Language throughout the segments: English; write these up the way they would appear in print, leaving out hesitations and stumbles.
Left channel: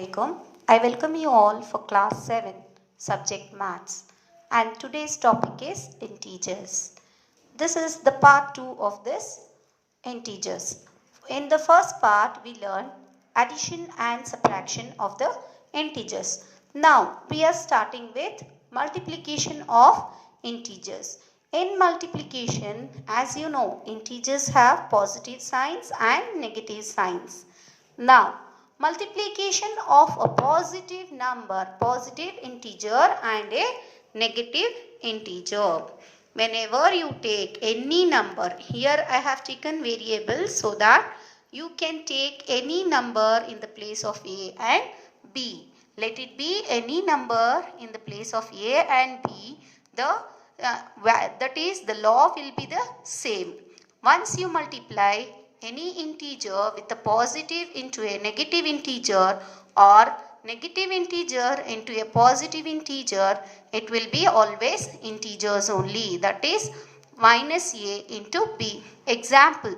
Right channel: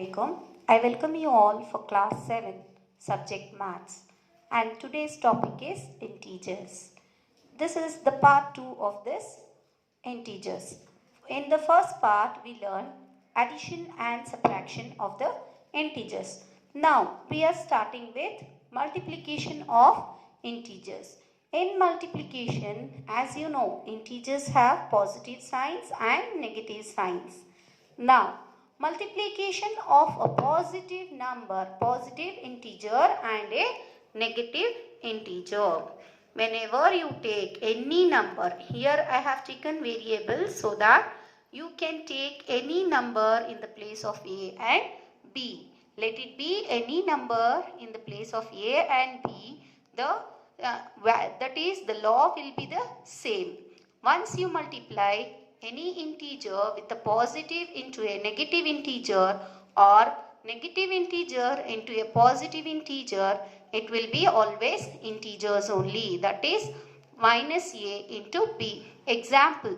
Assalamualaikum. I welcome you all for class 7 subject maths, and today's topic is integers. This is the part 2 of this integers. In the first part we learn addition and subtraction of the integers. Now we are starting with multiplication of integers. In multiplication, as you know, integers have positive signs and negative signs. Now, multiplication of a positive number, positive integer and a negative integer. Whenever you take any number, here I have taken variables so that you can take any number in the place of A and B. Let it be any number in the place of A and B. That is, the law will be the same. Once you multiply any integer with a positive into a negative integer or negative integer into a positive integer, it will be always integers only. That is minus A into B. Example,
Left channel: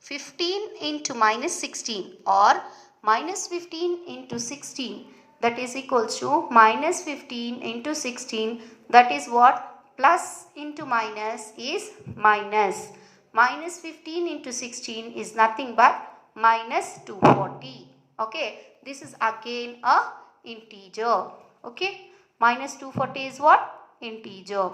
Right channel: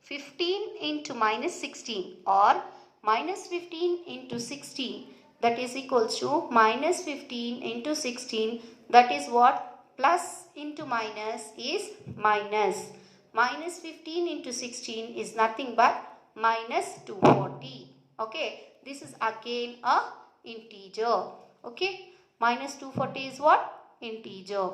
15 into minus 16 or minus 15 into 16, that is equals to minus 15 into 16. That is what? Plus into minus is minus. Minus 15 into 16 is nothing but minus 240. Okay, this is again a integer. Okay, minus 240 is what? Integer.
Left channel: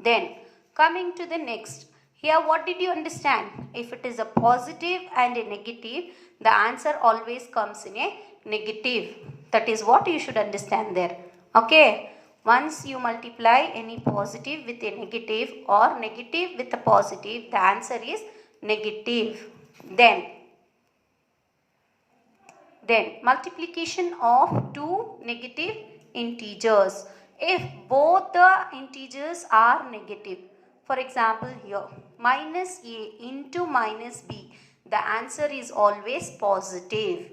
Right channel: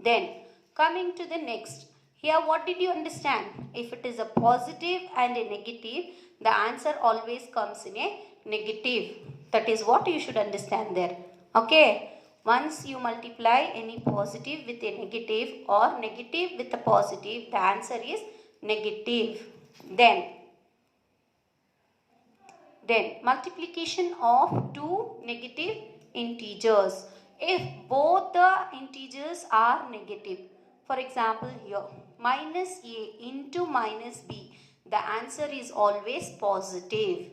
Then coming to the next. Here what did you understand? If it is a positive and a negative, the answer always comes in a negative. That is what you should understand there. Okay. Once you multiply any positive with a negative or negative with a positive, the answer is negative. Then multiplication of two negative integers. If both the integers are negative, for example here, minus A into minus B, the answer is always positive.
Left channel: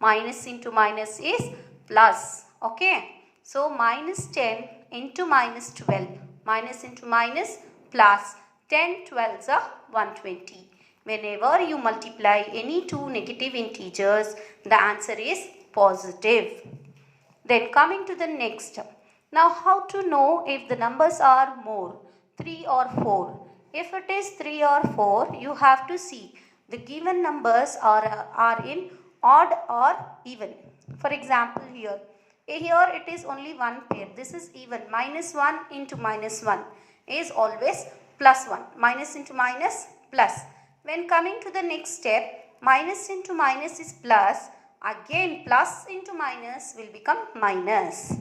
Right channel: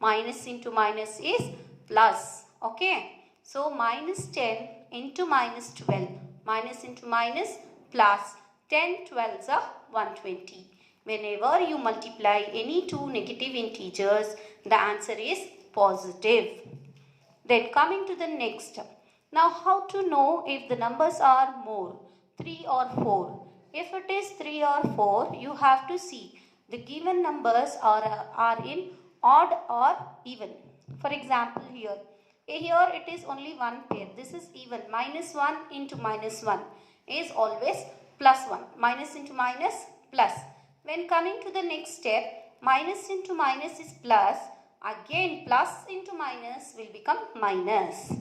Minus into minus is plus. Okay. So minus 10 into minus 12, minus into minus plus, 10 12s are 120. Whenever you multiply any two negative integers, the answer is positive. Then coming to the next. Now how to know if the numbers are more, 3 or 4? If it is 3 or 4, you have to see the given numbers are in odd or even. For example here it is only one pair. This is even. Minus 1 into minus 1 is always plus 1. Minus into minus plus. When coming to the next step, minus into minus is plus. Again plus into minus will become minus.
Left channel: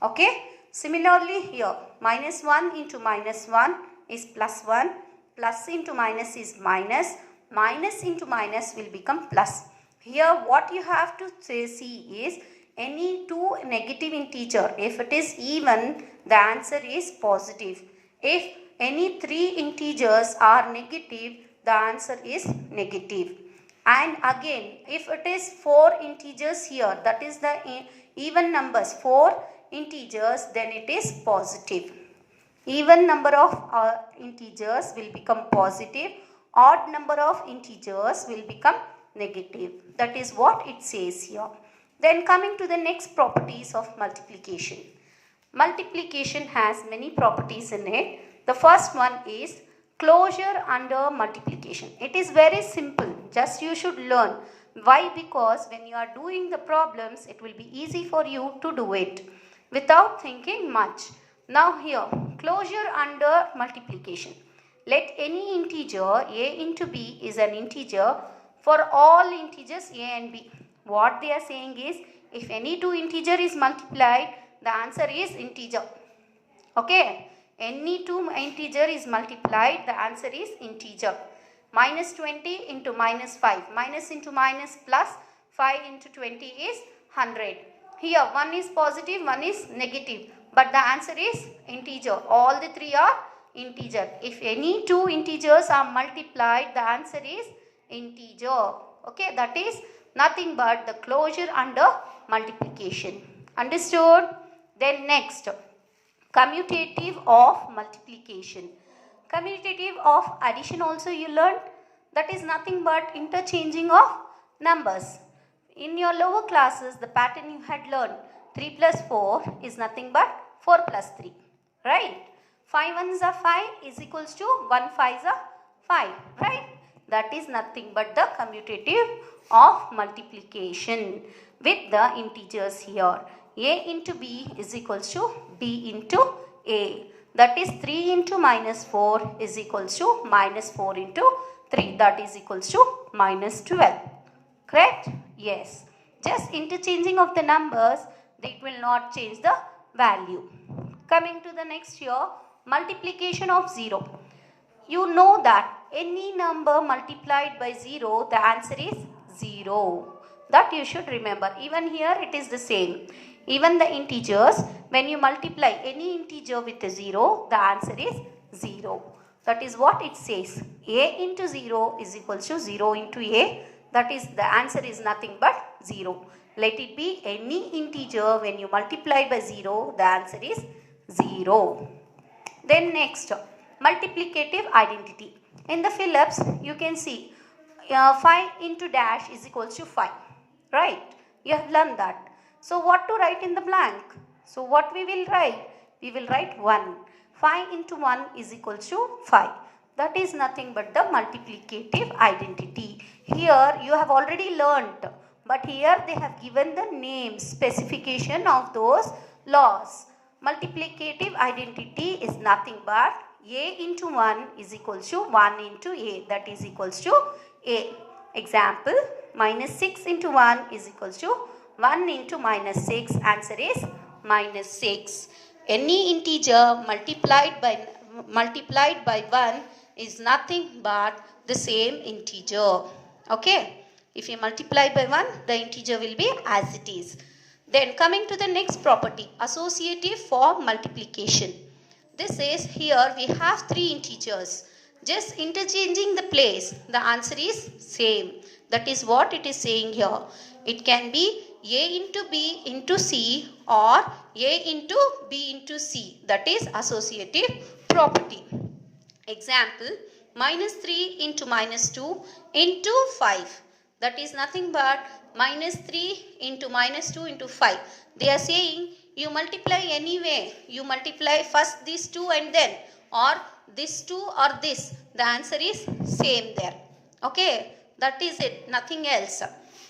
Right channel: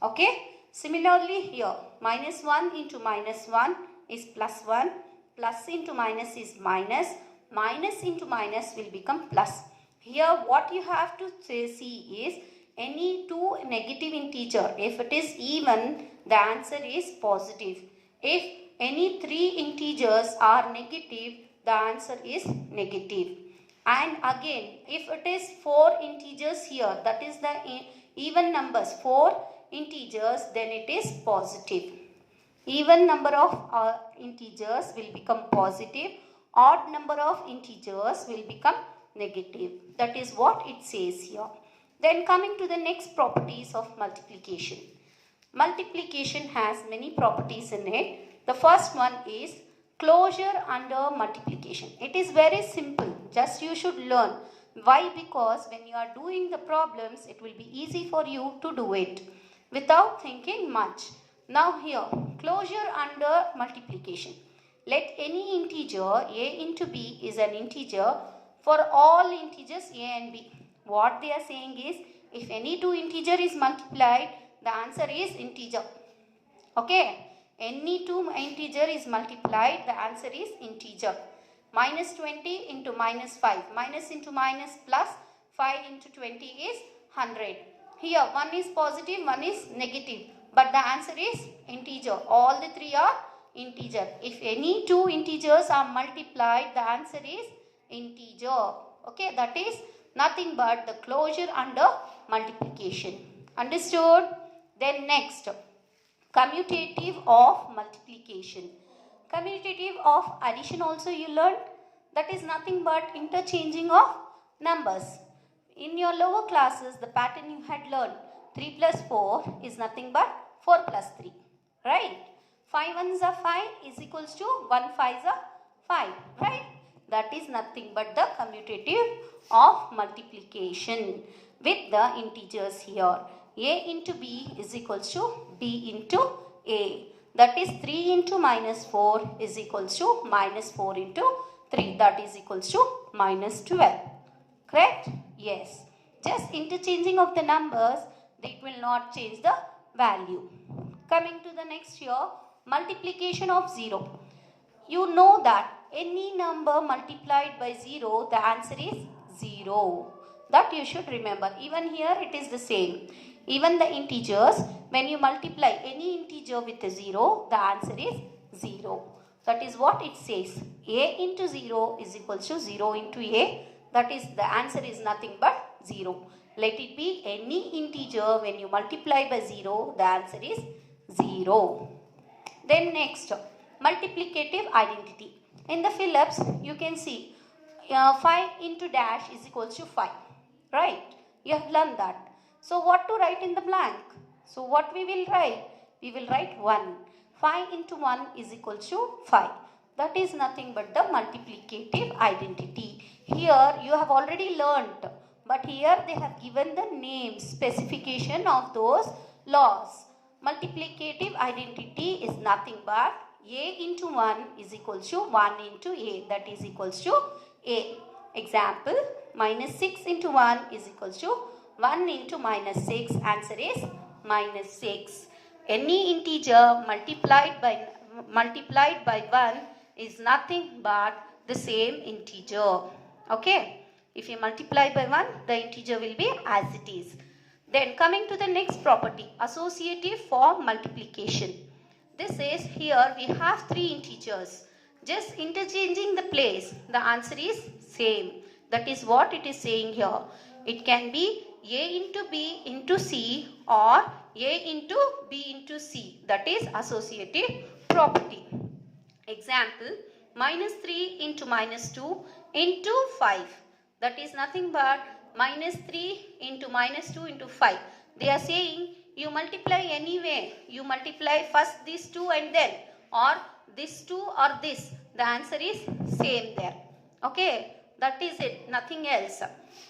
Okay. Similarly here, minus 1 into minus 1 is plus 1. Plus into minus is minus. Minus into minus will become plus. Here what you have to see is any two negative integer. If it is even, the answer is positive. If any three integers are negative, the answer is negative. And again, if it is 4 integers here, that is the even numbers, 4 integers, then it is positive. Even number of integers will become positive. Odd number of integers will become negative. That is what it says here. Then coming to the next properties of multiplication. Multiplication has many properties in it. The first one is closure under multiplication. It is very simple. Just you should learn. Why? Because when you are doing the problems, it will be easy for you to do it without thinking much. Now here, closure under multiplication. Let any integer A into B is an integer for all integers A and B. What they are saying is, if any two integer is multiplied, the answer is integer. Okay. Any two integer is multiplied, the answer is integer. Minus 20 into minus 5. Minus into minus plus 5 into 20 is 100. Here one is positive, one is negative. But the answer is integer. All the three are integer. If any two integers are multiplied, the answer is integer. Okay. That is nothing but the closure under multiplication. Understood? Then next, commutative of multiplication. Commutative of addition also you learned. That is nothing but interchanging of numbers. In your lower classes, the pattern you had learned, 3 plus 4 is nothing but 4 plus 3, right? 5 ones are 5 is equals to 1 5s are 5, right? That is nothing but the commutative of multiplication with the integers here. A into B is equals to B into A. That is 3 into minus 4 is equals to minus 4 into 3. That is equals to minus 12. Correct? Yes. Just interchanging of the numbers, it will not change the value. Coming to the next here, multiplication of 0. You know that any number multiplied by 0, the answer is 0. That you should remember. Even here it is the same. Even the integers, when you multiply any integer with a 0, the answer is 0. That is what it says. A into 0 is equal to 0 into A. That is, the answer is nothing but 0. Let it be any integer. When you multiply by 0, the answer is 0. Then next, multiplicative identity. In the Phillips, you can see 5 into dash is equals to 5. Right? You have learned that. So what to write in the blank? So what we will write? We will write 1. 5 into 1 is equals to 5. That is nothing but the multiplicative identity. Here you have already learnt, but here they have given the name, specification of those laws. Multiplicative identity is nothing but A into 1 is equals to 1 into A. That is equals to A. Example, minus 6 into 1 is equals to 1 into minus 6. Answer is minus 6. Any integer multiplied by 1 is nothing but the same integer. Okay. If you multiply by 1, the integer will be as it is. Then coming to the next property, associative form multiplication. This is, here we have 3 integers. Just interchanging the place, the answer is same. That is what it is saying here. It can be A into B into C or A into B into C. That is associative property. Example, minus 3 into minus 2 into 5. That is nothing but minus 3 into minus 2 into 5. They are saying you multiply anyway. You multiply first these two and then, or this two or this. The answer is same there. Okay, that is it. Nothing else.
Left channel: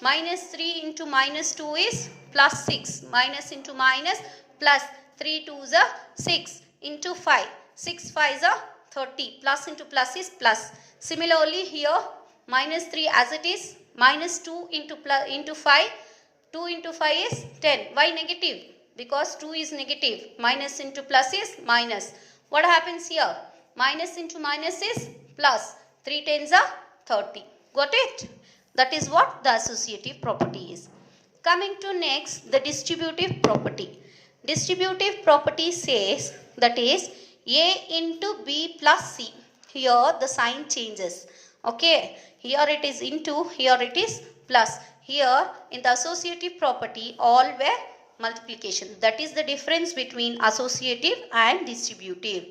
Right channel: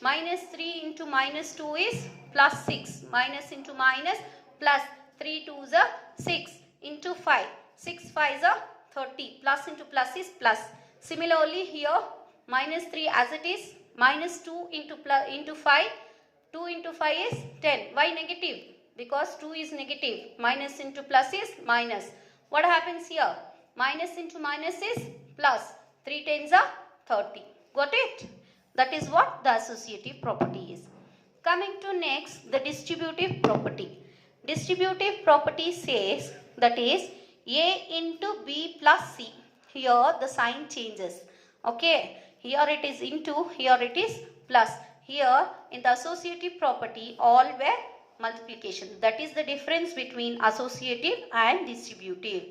Minus 3 into minus 2 is plus 6. Minus into minus plus 3 2s are 6 into 5. 6 5s are 30. Plus into plus is plus. Similarly here, minus 3 as it is. Minus 2 into 5. 2 into 5 is 10. Why negative? Because 2 is negative. Minus into plus is minus. What happens here? Minus into minus is plus. 3 tens are 30. Got it? That is what the associative property is. Coming to next, the distributive property. Distributive property says, that is A into B plus C. Here the sign changes. Okay. Here it is into, here it is plus. Here in the associative property, all were multiplication. That is the difference between associative and distributive.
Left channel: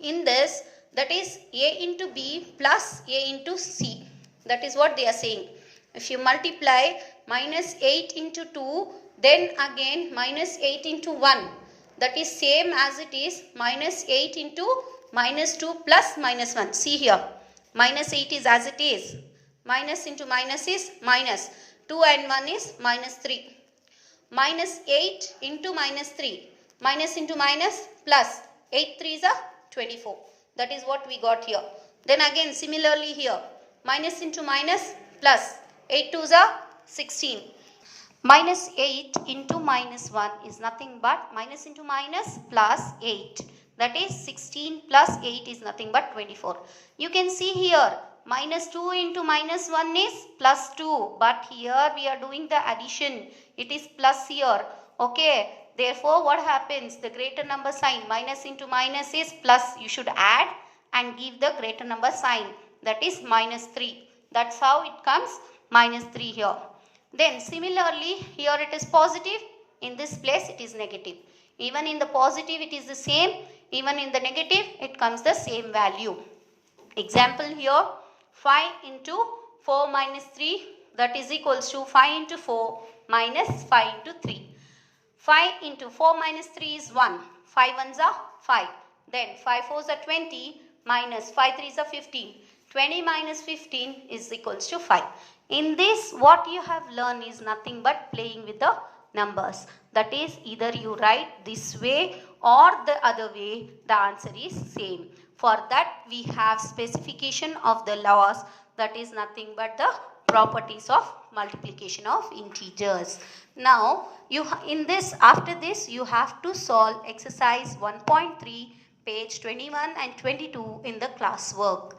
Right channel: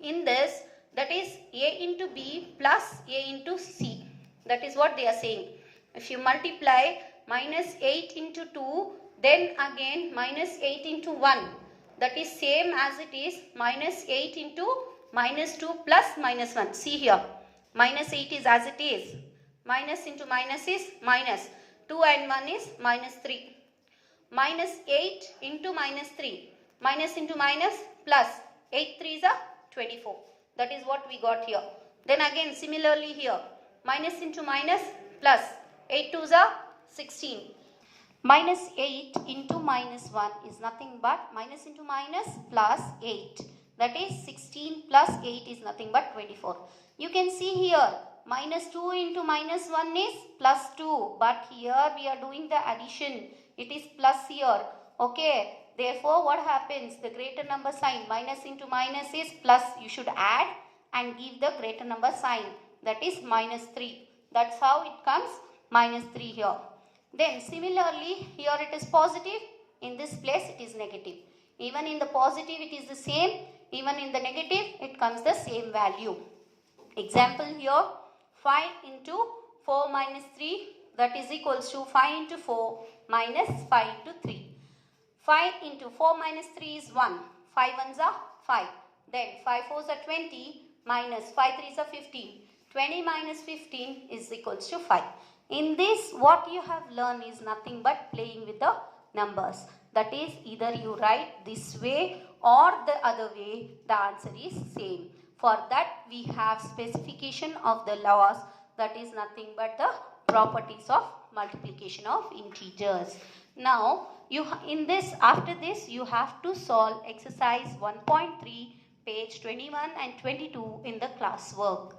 In this, that is A into B plus A into C. That is what they are saying. If you multiply minus 8 into 2, then again minus 8 into 1. That is same as it is minus 8 into minus 2 plus minus 1. See here. Minus 8 is as it is. Minus into minus is minus. 2 and 1 is minus 3. Minus 8 into minus 3. Minus into minus plus. 8 3s are 24. That is what we got here. Then again similarly here. Minus into minus plus. 8 2s are 16. Minus 8 into minus 1 is nothing but minus into minus plus 8. That is 16 plus 8 is nothing but 24. You can see here minus 2 into minus 1 is plus 2. But here we are doing the addition. It is plus here. Okay. Therefore what happens? The greater number sign. Minus into minus is plus. You should add and give the greater number sign. That is minus 3. That's how it comes minus 3 here. Then similarly here it is positive. In this place it is negative. Even in the positive it is the same. Even in the negative it comes the same value. Example here, 5 into 4 minus 3 that is equals to 5 into 4 minus 5 into 3. 5 into 4 minus 3 is 1. 5 ones are 5. Then 5 fours are 20 minus 5 threes are 15. 20 minus 15 is equals to 5. In this, what you have learned is nothing but playing with the numbers. That is, either you write this way or the other way, the answer is same. For that, we have specification of the laws, that is nothing but the properties of multiplication of integers. Now, after this, you have to solve exercise 1.3, page 21 and 22 in the classwork.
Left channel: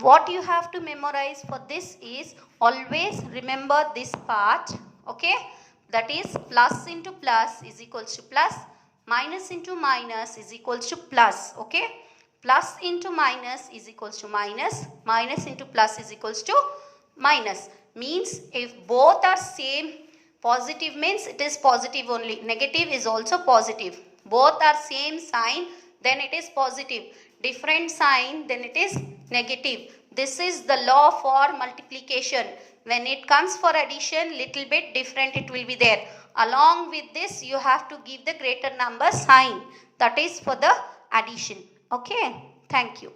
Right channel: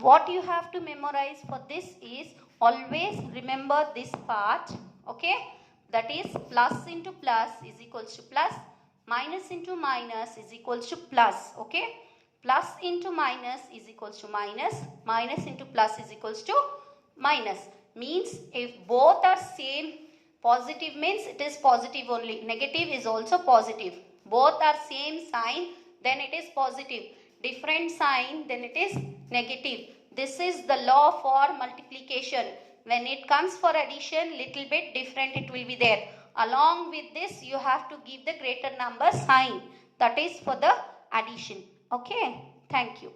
What you have to memorize for this is, always remember this part, okay? That is, plus into plus is equals to plus, minus into minus is equals to plus, okay? Plus into minus is equals to minus, minus into plus is equals to minus. Means if both are same, positive means it is positive only, negative is also positive. Both are same sign, then it is positive. Different sign, then it is negative. This is the law for multiplication. When it comes for addition, little bit different it will be there. Along with this, you have to give the greater number sign. That is for the addition. Okay, thank you.